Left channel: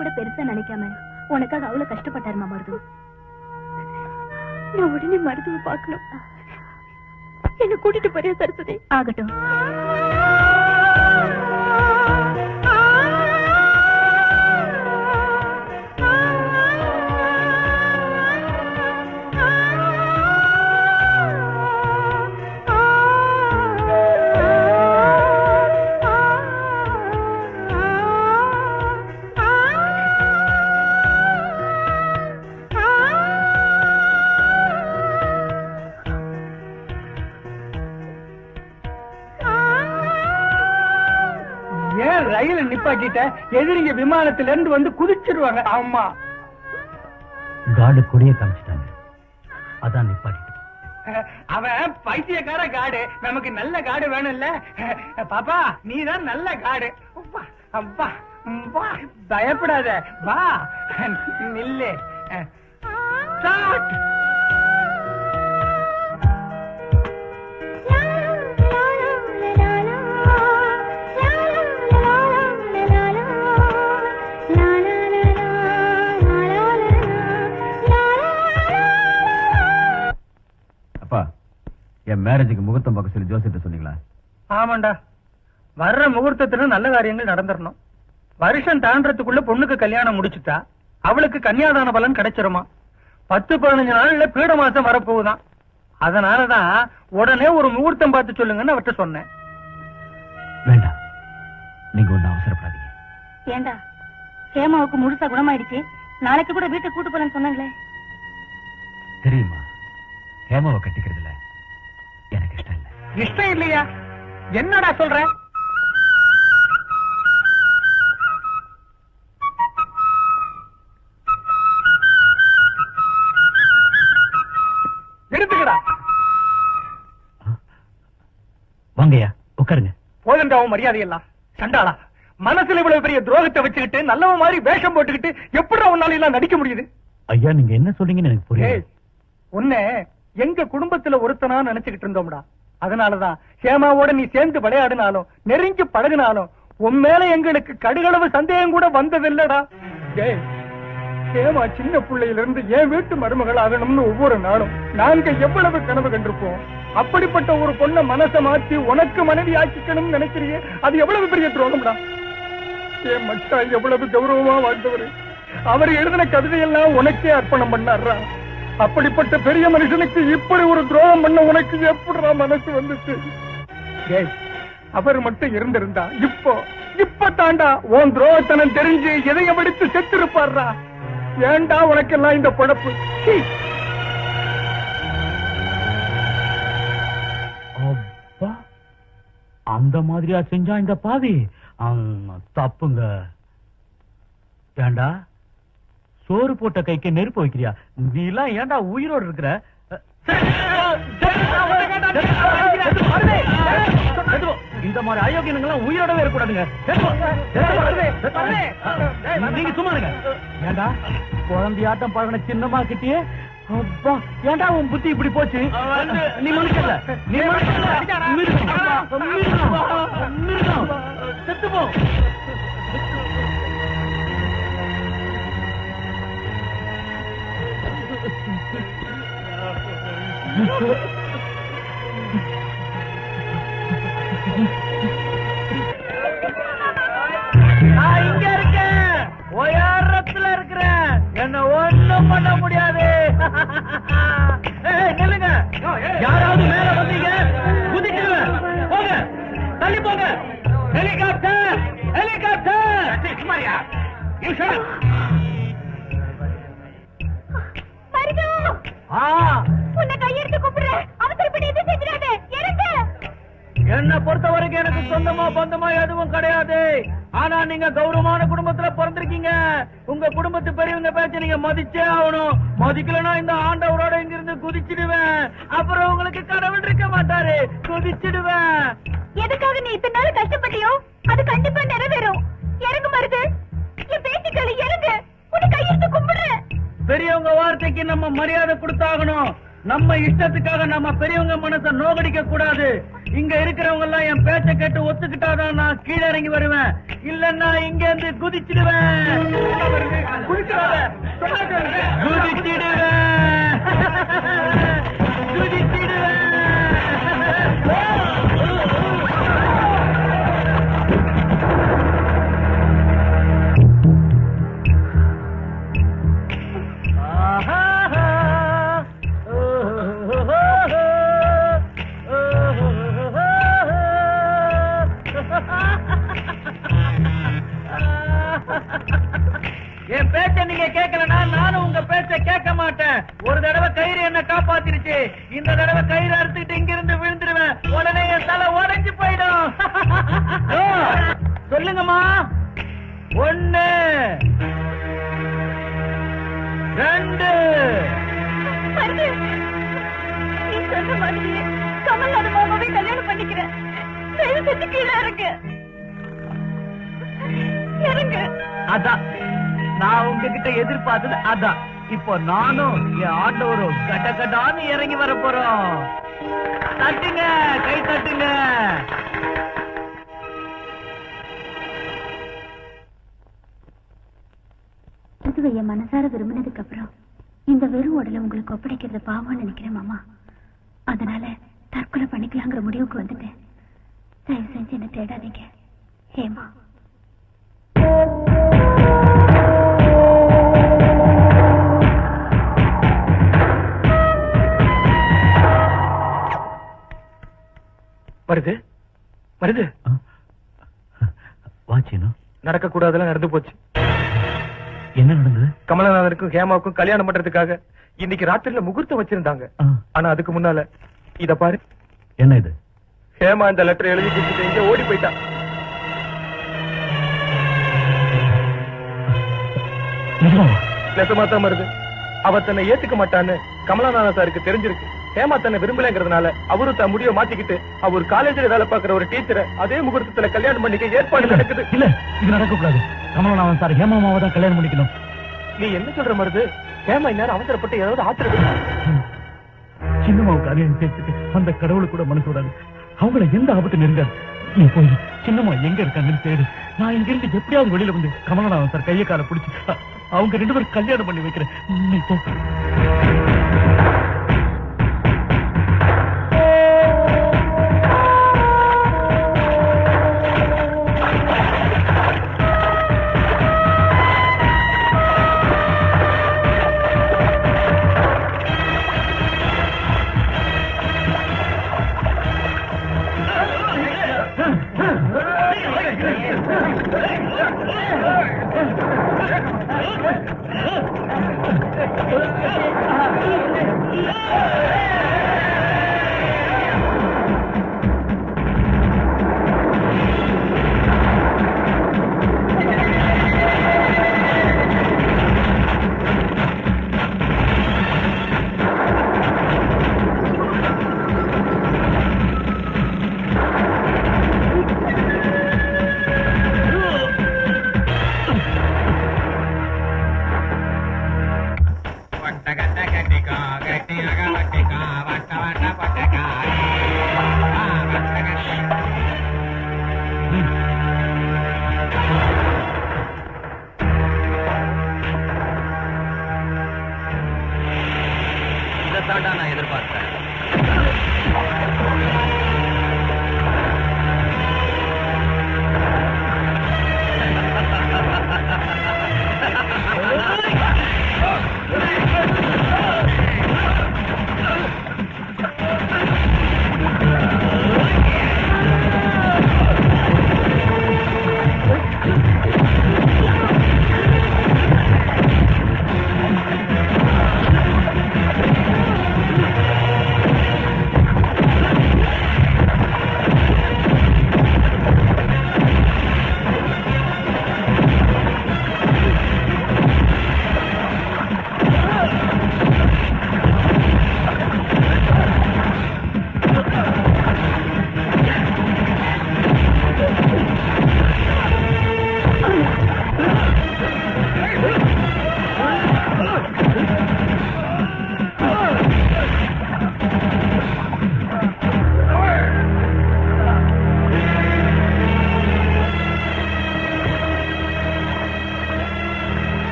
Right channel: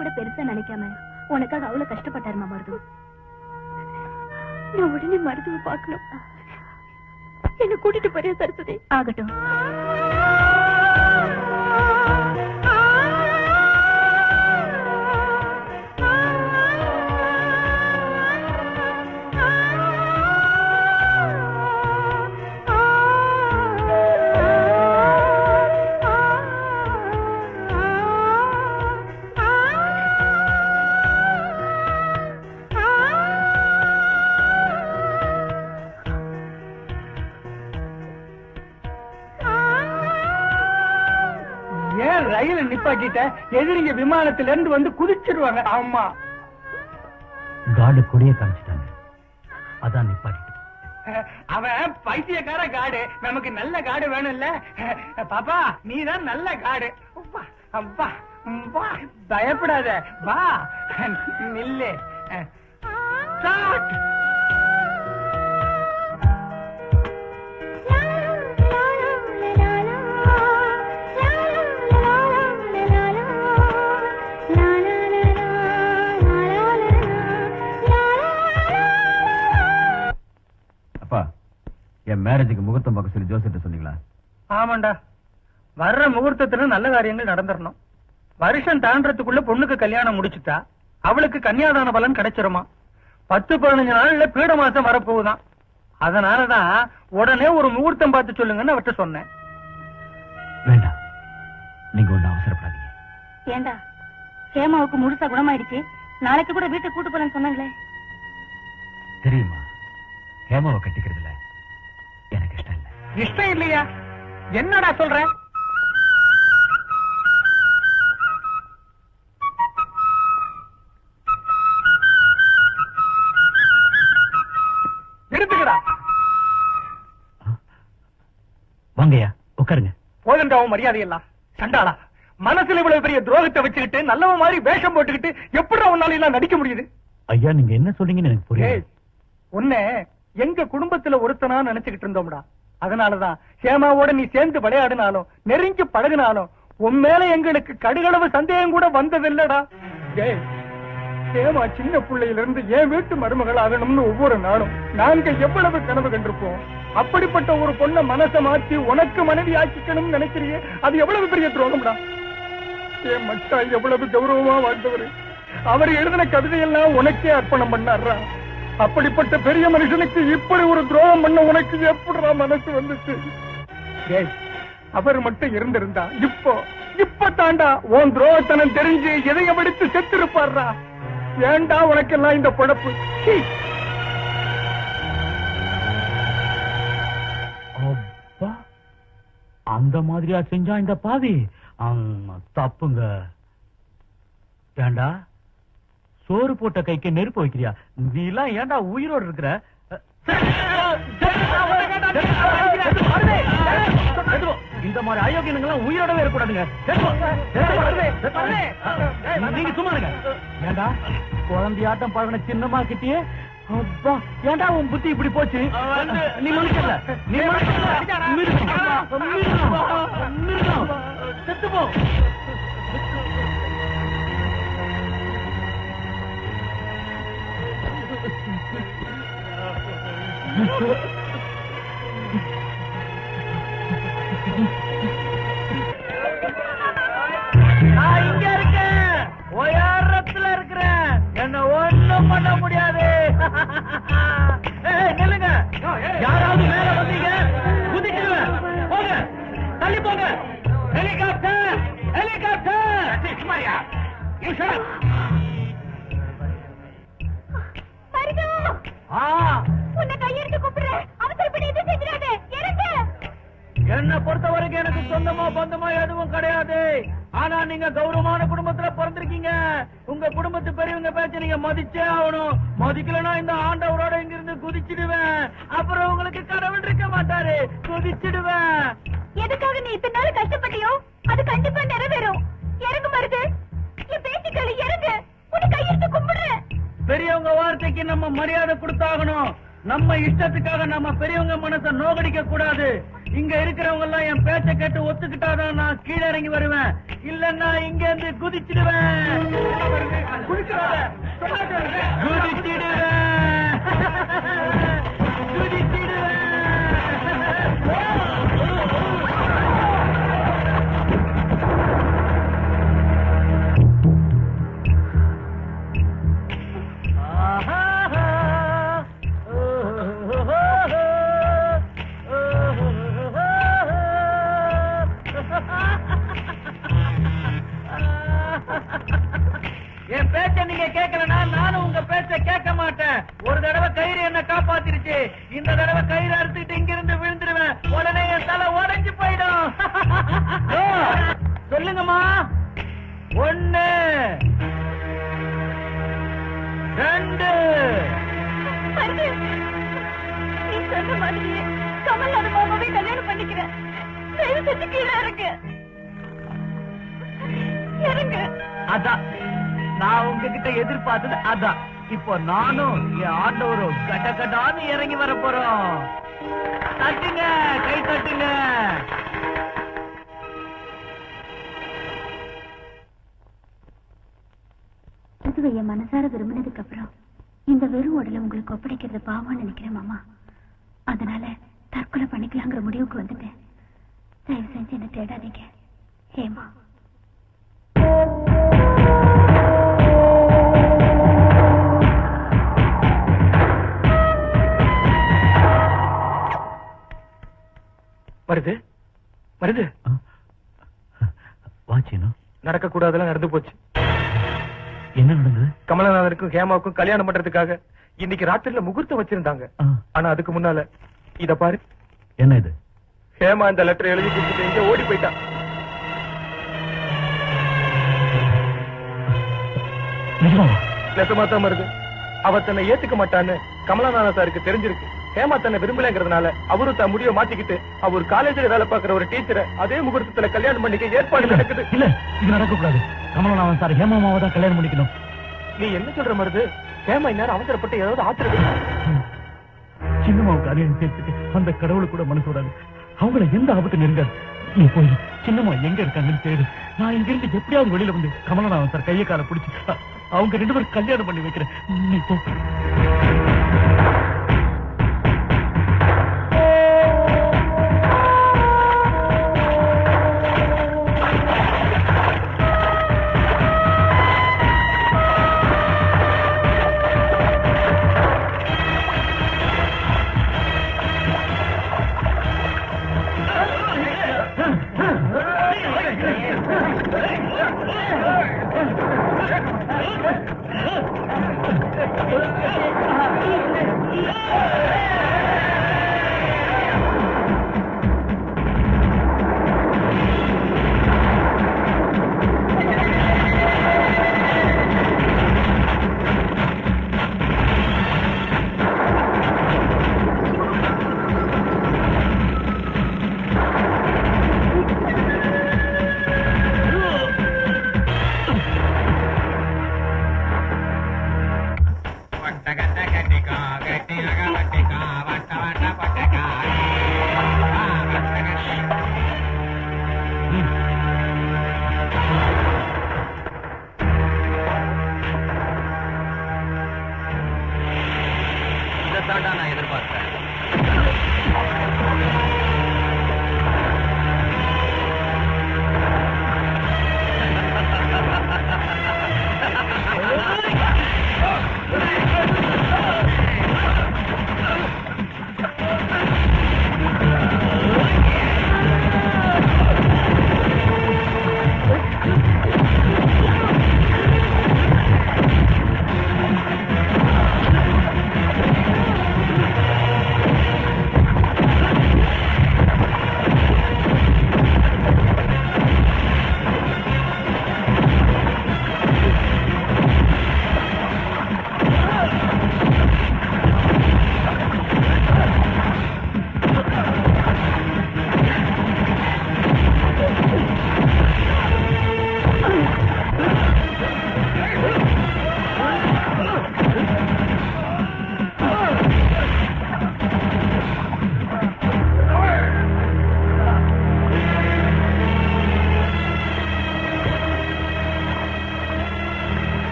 கூட பெருசா நினைக்காம உனக்காக அவ்வளவு கஷ்டப்பட்டாருமா மருது. நான் உடனே மருதுவை பார்க்கணும். என்ன கூட்டிட்டு போறியா சரஸ்வதி? ஆகட்டும். ரயில நிப்பாட்டிட்ட எதிரிங்க விமானத்தில இருந்து வந்து குதிச்சிருவாங்க. ஆமா, காடு கொடிய காமிச்சிட்டாங்க, அதான் நிப்பாட்டிட்டு. அவன் பைத்தியக்கார காடு, நமக்கு நல்ல காடு வேணும்ல. பாப்பா நீதான் நல்ல காடு. அப்பா பயப்படாத, வா நில்லு. என் மேரேஜுக்கு முகூர்த்தம் பார்க்க சொல்லி ஜோசிட்ட சொன்னீங்களா? ஆமாண்டா, வர்ற முகூர்த்தத்துல நல்ல காரியங்கள் நடந்துடணும். வருஷம் தாண்டறதுக்குள்ள பொண்ணுக்கு கல்யாணம் முடிச்சுட்டா அவளுக்கு கன்னியாதான பலன் கிடைச்சிருமா. 10-15 நாள்ல பீட மாசம் வரப்போகுதான். அதனாலதான் உடனே ஒரு முகூர்த்தம் பார்த்து சொல்லுங்கன்னு அவர்கிட்ட சொன்னேன். வேண்டாம், நீங்க ஒண்ணு அவசரப்படாதீங்க. ஏண்டா, ஹேமாவுக்கு முழுசா குணமாயிடுச்சு, நாளைக்கு கூட வீட்டை கூட்டு போறேன்னு சொன்னாங்களே. தெரியுமா, ஹேமாவை கட்டிக்கிறதுல எனக்கு இஷ்டம் இல்லை. இஷ்டம் இல்லையா? என்னடா சொல்ற? எடுத்துக்கடா. வாங்கய்யா, உட்காருங்க. போதண்டாவும் மரியாதையெல்லாம் சண்டாளா, மனசுல இவ்வளவு பெரிய துரோகத்தை வச்சுக்கிட்டு நல்லவ மாதிரி வேஷம் போட்டுக்கிட்டு எப்படி உன்னால எல்லாம் நடிக்க முடியுது? ஐயா, நீங்க என்ன சொல்றீங்கன்னு எனக்கு புரியல. உன்னை எங்க குடும்பத்துல ஒருத்தனா நினைச்சுக்கிட்டு இருந்தோம்டா. அதனாலதான் ஹேமாவோட நீ சேர்ந்து விளையாடினாலும் நெருங்கி பழகினாலும் உன் மேல எங்களுக்கு கடுகளவு சந்தேகம் கூட வந்ததில்லடா. ஹேமா சின்ன பிள்ளையில இருந்து என் வீட்டு மருமகள் ஆகணும்னு ஒவ்வொரு நாளும் நாங்க எவ்வளவு கனவு கண்டிருப்போம். அப்படிப்பட்ட ஒரு பொண்ணை மனசை மாற்றி உனக்கு மனைவி ஆக்கிக்கணும்னு நினைக்கிறியே, அது எவ்வளவு பெரிய துரோகம்டா. என் மச்சா எவ்வளவு கௌரவமா வாழ்ந்தவரு, அவர் எழுதின கவிதையெல்லாம் உனக்கே அர்ப்பணம் பண்ணாரா. அப்படிப்பட்ட பெரிய மனுஷனுக்கு இப்படி ஒரு துரோகம் பண்ண உனக்கு எப்படிடா மனசு வந்துச்சு? அவர் மட்டும் இருந்திருந்தா இப்ப தாண்டா உன் துரோகத்தனம் தெரிஞ்சு எதைய படித்து செத்து இருப்பாரா. ஏண்டா உனக்கெல்லாம் இந்த பழப்பு? அந்த மாதிரியா செஞ்சா இந்த பாவி? தப்புங்க. ஏண்டா, சோறு போட்ட கைக்கு நெருப்பு வைக்கிறியா? நீ எல்லாம் ஏண்டா உயிரோடு இருக்கிற? இந்த மாதிரி அயோக்கியங்கள்லாம் உயிரோடவே இருக்கக்கூடாதுங்க. நீங்க சும்மா இருங்க. ஏண்டா, குழந்தையாட்டம் பழகின சின்னமா கிட்டியே ஏண்டா உன் புத்தி இப்படி போச்சு? நீ நினைக்கல, நீ செத்து போ. நான் இங்க இருக்கேன், உயரத்துல இருக்கிறேன், என்ன ஒண்ணும் பண்ண முடியாது. நில்லுங்க, யாராவது மேல வந்தீங்க குதிக்கிறேன், போங்க, தள்ளி போங்க. Helicopter, helicopter. என்ன பொறுத்த வரைக்கும் எனக்கு சொந்தமா பந்தமா எதுவும் கிடையாது. ஆனா நீங்க கௌரவமான குடும்பத்துல பிறந்திருக்கீங்க. உங்க குடும்பத்து பெரியவங்க பேச்ச நீங்க மதிச்சே ஆகணும். மதிக்கலன்னா இந்த ஆண்டவரோட இங்க இருந்து குதிச்சிடுவேன். அப்புறம் உங்களுக்கு கடவுள் இருக்க மாட்டாரு, குதிச்சிடுவேன். எதுக்காக நீ இத்தனை நாள் கஷ்டப்பட்டியோ அது கண்டிப்பா நிறைவேறும். இறங்கு மருது, என் பேச்சுக்களை இறங்கு, உன்னை கையெழுத்து கும்பிடுறேன். பெரியவங்க வார்த்தைக்கு நம்ம மரியாதை கொடுத்தாகணும். நம்ம இஷ்டத்துக்காக நம்ம பெரியவங்க மனசை நோகடிக்க கூடாது. இங்க இருக்கிறவங்க எல்லாம் என் பேச்ச கேட்டு ஒத்துக்கிட்டாதான் நான் கீழே இறங்கி வருவேன். இல்லன்னா இங்க இருந்து குதிச்சிடுவேன். குதிச்சிடுவேன். என் பேச்ச நீங்க கேட்கலன்னா நானும் உங்க பேச்ச கேட்க மாட்டேன். ஒரு தடவை கயிறு என்ன காப்பாத்திருச்சு. இந்த தடவை கயிறு அறுத்துக்கிட்டு இங்க இருந்து விழுந்துருவேன். உடனே என் தலை உடைஞ்சு போயிடும். சொல்லுங்கம்மா. 1 2 நீ சொன்ன மாதிரி கமல்நாடு மாமாவே கல்யாணம் பண்ணிக்கிறேன். தயவு செஞ்சு கீழே இறங்கு. அதான் நான் உங்ககிட்ட எதிர்பார்த்தது. அதான் இப்போ நானும் என் ஆண்டவரும் கட்ட கட்டான்னு இறங்கி வர போறோம். தட்டுங்க, கை தட்டுங்க. என் மனசார விரும்பினதுக்கு அப்புறம் இந்த வெறும் உடலை உங்களுக்கு ஒப்படைக்கிறது பாவம்னு நினைக்கிறேன் மாமா. அதனால தற்கொலை பண்ணிக்கலாங்கிற முடிவுக்கு வந்துட்டேன். தயவு செஞ்சு என்ன தேடாதீங்க. ஏமா வருது வருது. வாச்சினும் நடக்க கூடாதெல்லாம் நடந்து போச்சு. என்ன நடந்தது? கமலநாதனுக்கும் ஹேமாவுக்கும் கல்யாணம் பண்றதுக்காக இன்னைக்கு ராத்திரில முகூர்த்தம் வச்சிருந்தாங்க. ஆனா அதுக்கு முன்னால இத பாரு. என்ன இது? ஹேமா இந்த லெட்டர் எழுதி கொடுத்துட்டு இங்க ஓடி போயிட்டா. நெசமா தான் வருது. அவ தன்னை ஏத்துக்க மாட்டான்னு கமலநாதன் சாருக்கு தெரிஞ்சிருக்கு. ஹேமா தன்னை விரும்பலங்கிறதுனால அவரு தன் முடிவை மாத்திக்கிட்டு அவர் காலேஜில் வேலை பார்க்கிற ஒரு டீச்சரை அதே முகூர்த்தத்துல கல்யாணம் பண்ணிக்க ஏற்பாடு நடக்குது. இல்ல, இது நடக்கக்கூடாது. கமலநாதன் சார் ஹேமாமாவை தான் கல்யாணம் பண்ணிக்கணும். நீ என்ன சொல்ற மருது? ஹேமா இந்நேரம் அவசரப்பட்டு ஏதாவது ஆத்திரம். சின்னம்மாவுக்கு அரியன் சேர்த்துட்டு அந்த கடவுளுக்கு கூட மனசு விடாது. அவங்கள எந்த ஆபத்து நெருங்காது. நீ போய் சின்னம்மா எங்க இருக்காங்கன்னு தேடு. நான் இங்க இருந்து எப்படியாவது வெளியில வந்து கமலநாதன் சார் கையை கால பிடிச்சு அவங்க 2 பேரும் கல்யாணம் பண்ணி வைக்கிறேன். நீ போ.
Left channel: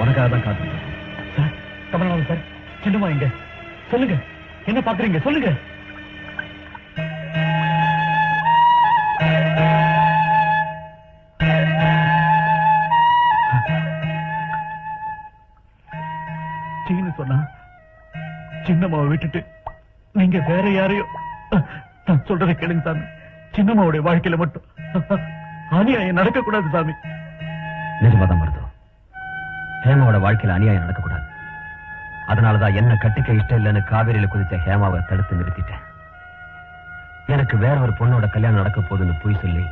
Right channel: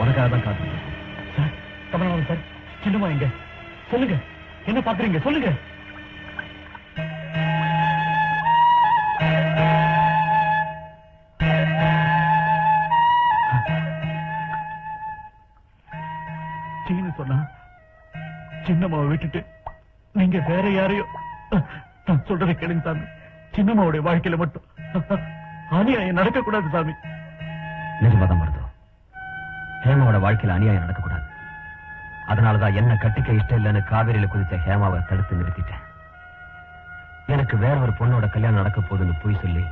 உனக்காக தான் காத்து சார். கமலநாதன் சார், சின்னம்மா எங்க? சொல்லுங்க, என்ன பாக்குறீங்க சொல்லுங்க. சீனு சொன்னா சின்னம்மாவை விட்டுட்டு நீங்க வேற யாரையோ, நான் சொல்றதை கேளுங்க சாமி. சின்னம்மாவுடைய வாழ்க்கையில மட்டும் அநியாயம் நடக்கக்கூடாது சாமி. நிஜமாதான் வருது. ஹேமாவோட வாழ்க்கையில அநியாயம் நடக்கக்கூடாது. அதனாலதான் என்ன கட்டிக்க இஷ்டம் இல்லைன்னு காவேரியில குதிச்ச ஹேமாவை தடுத்து நிறுத்திட்டேன். எனக்கு வேற ஒரு பொண்ணோட கல்யாணம் நடக்க போகுதுன்னு போய் சொல்லி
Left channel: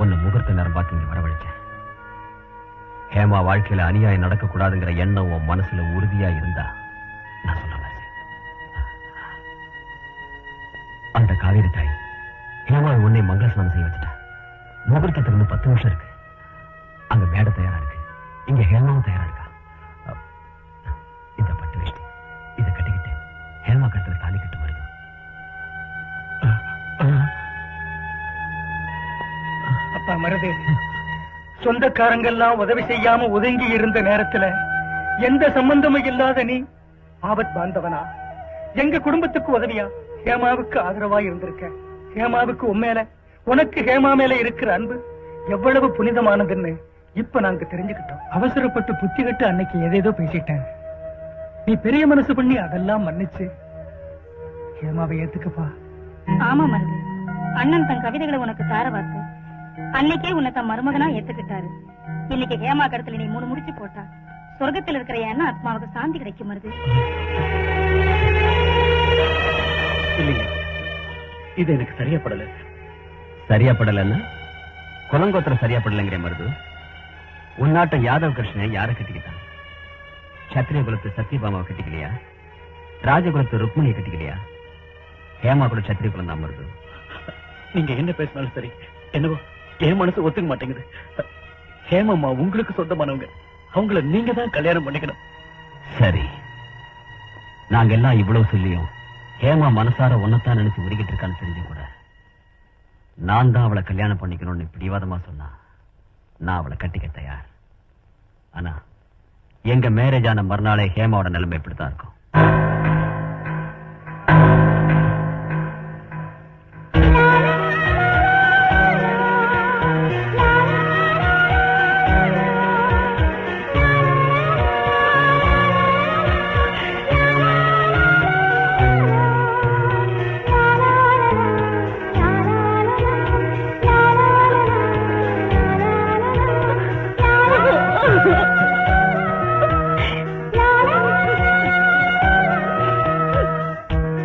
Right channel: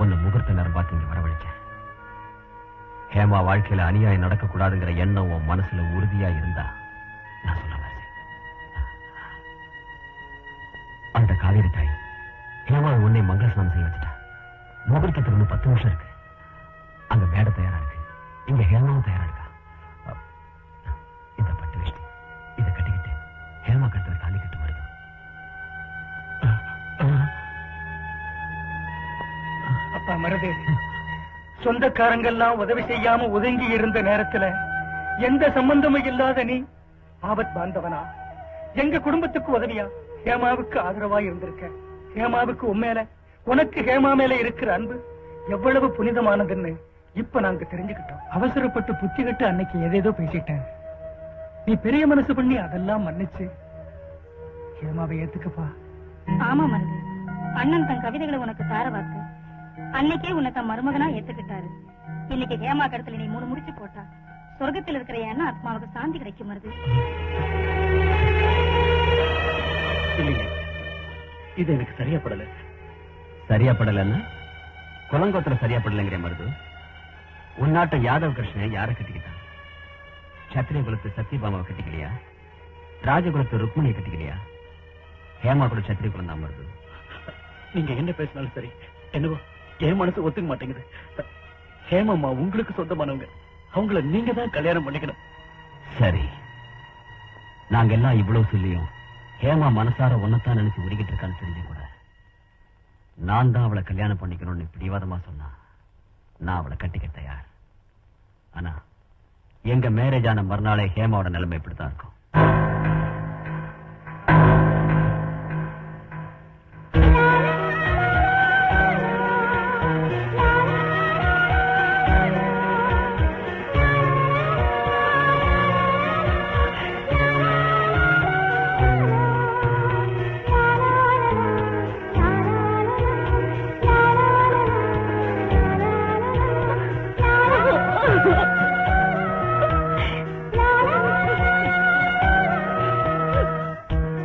உன்னை முகூர்த்த நேரம் பார்த்து இங்க வரவழைச்சேன். ஹேமா வாழ்க்கையில அநியாயம் நடக்கக்கூடாதுங்கிற எண்ணம் உன் மனசுல உறுதியா இருந்தா நான் சொன்ன மாதிரி அந்த காவேரி தாய் ஹேமா உன்னை மங்களஸ்நானம் செய்ய வச்சுட்டா. முகூர்த்தத்திலிருந்து 10 வருஷம் இருக்கு. அங்க மேடை தயாரா இருக்கு, இங்க ஹேமாவும் தயாரா இருக்கா. இந்த பட்டு வேஷ்டி இதை கட்டிக்கிட்டு ஹேமா கட்டத்தில் தாலி கட்டு வருது. அப்பா மருது, சொந்தக்காரங்கெல்லாம் உதவி செய்யாம ஒதுங்கி இருந்த நேரத்துல எந்த சம்பந்தமும் இல்லாத நீ ஆபத் பாந்தவனா எங்க குடும்பத்துக்கு உதவியா ஹேமாவுக்கு ஆதரவா இருந்திருக்க. ஹேமாவுக்கு உண்மையில உனக்கு ஹேமா மேல இருக்கிற அன்பு எவ்வளவு புனிதமானதுன்னு இப்ப நாங்க தெரிஞ்சுக்கிட்டோம். அவசரப்பட்டு புத்தி கட்டு அன்னைக்கு ஏதேதோ பேசிட்டேன். நீ பெரிய மனசு பண்ணி அதெல்லாம் மன்னிச்சு ஹேமாவை ஏத்துக்கப்பா. ஆமா மருது, அண்ணன் தன் கவிதைகளை உனக்கு தார வார்த்தை அன்னைக்கே உன்னை தன் மருமகனா ஏத்துக்கிட்டாரு. இன்னைக்கு ஹேமா கடத்துல நீ 3 முடிச்சு போட்டா சொர்க்கத்தில் இருக்கிற எண்ணம் ஆத்மாவுக்கு சாந்தி கிடைக்கும் மருது. இல்லைங்க, இது எனக்கு சரியா படல. சரியா படலன்னு குலங்கோத்திரம் சரியா படலைங்கிற மருது. உன்னாட்ட யாதவ் கிருஷ்ணன் யாரை கட்டிக்கிட்டான்? சத்திரிய குலத்து சத்யபாமாவை கட்டிக்கலையா? ராஜகுலத்து ருக்மிணியை கட்டிக்கலையா? ஹேமா கூட சத்திரிய குலம் தான் மருது. நீங்க என்ன பேசினாலும் சரி, என்னவோ என் மனசு ஒத்துக்க மாட்டேங்குது. ஹேமாமா உங்களுக்கு சொந்தமானவங்க, அவங்கள நீங்க தான் கல்யாணம் பண்ணிக்கணும். சரி, நாங்க எல்லாம் இவ்வளவு சொல்லியும் ஹேமா மனசார ஒன்னத்தான் நினைச்சு உருகிட்டு இருக்கான்னு தெரிஞ்சு கூட நான் தான் அவளை கல்யாணம் பண்ணிக்கணும்னு பிடிவாதமா சொன்னா நான் அவளை கட்டிக்க தயார். ஆனா எங்க மேரேஜ் ஆன மறுநாளே ஹேமாவோட நிலைமை இப்படித்தான் இருக்கும்.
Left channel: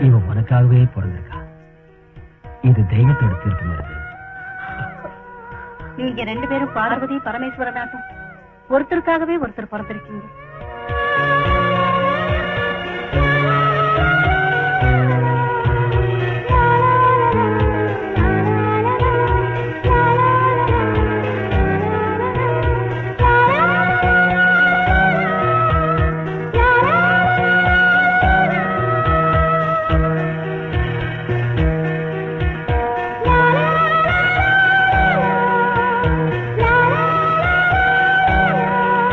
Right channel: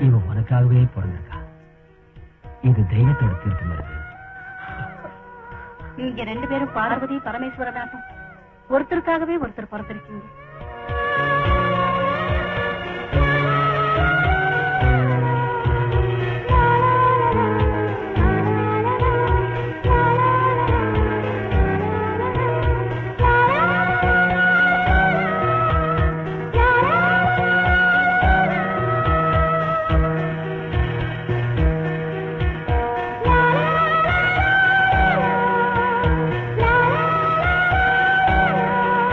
இவன் உனக்காகவே பிறந்திருக்கா. இது தெய்வத்தோட தீர்ப்பு. நீங்க 2 பேரும் பார்வதி பரமேஸ்வரனாட்டம் ஒருத்தருக்காகவே ஒருத்தர் பிறந்திருக்கீங்க.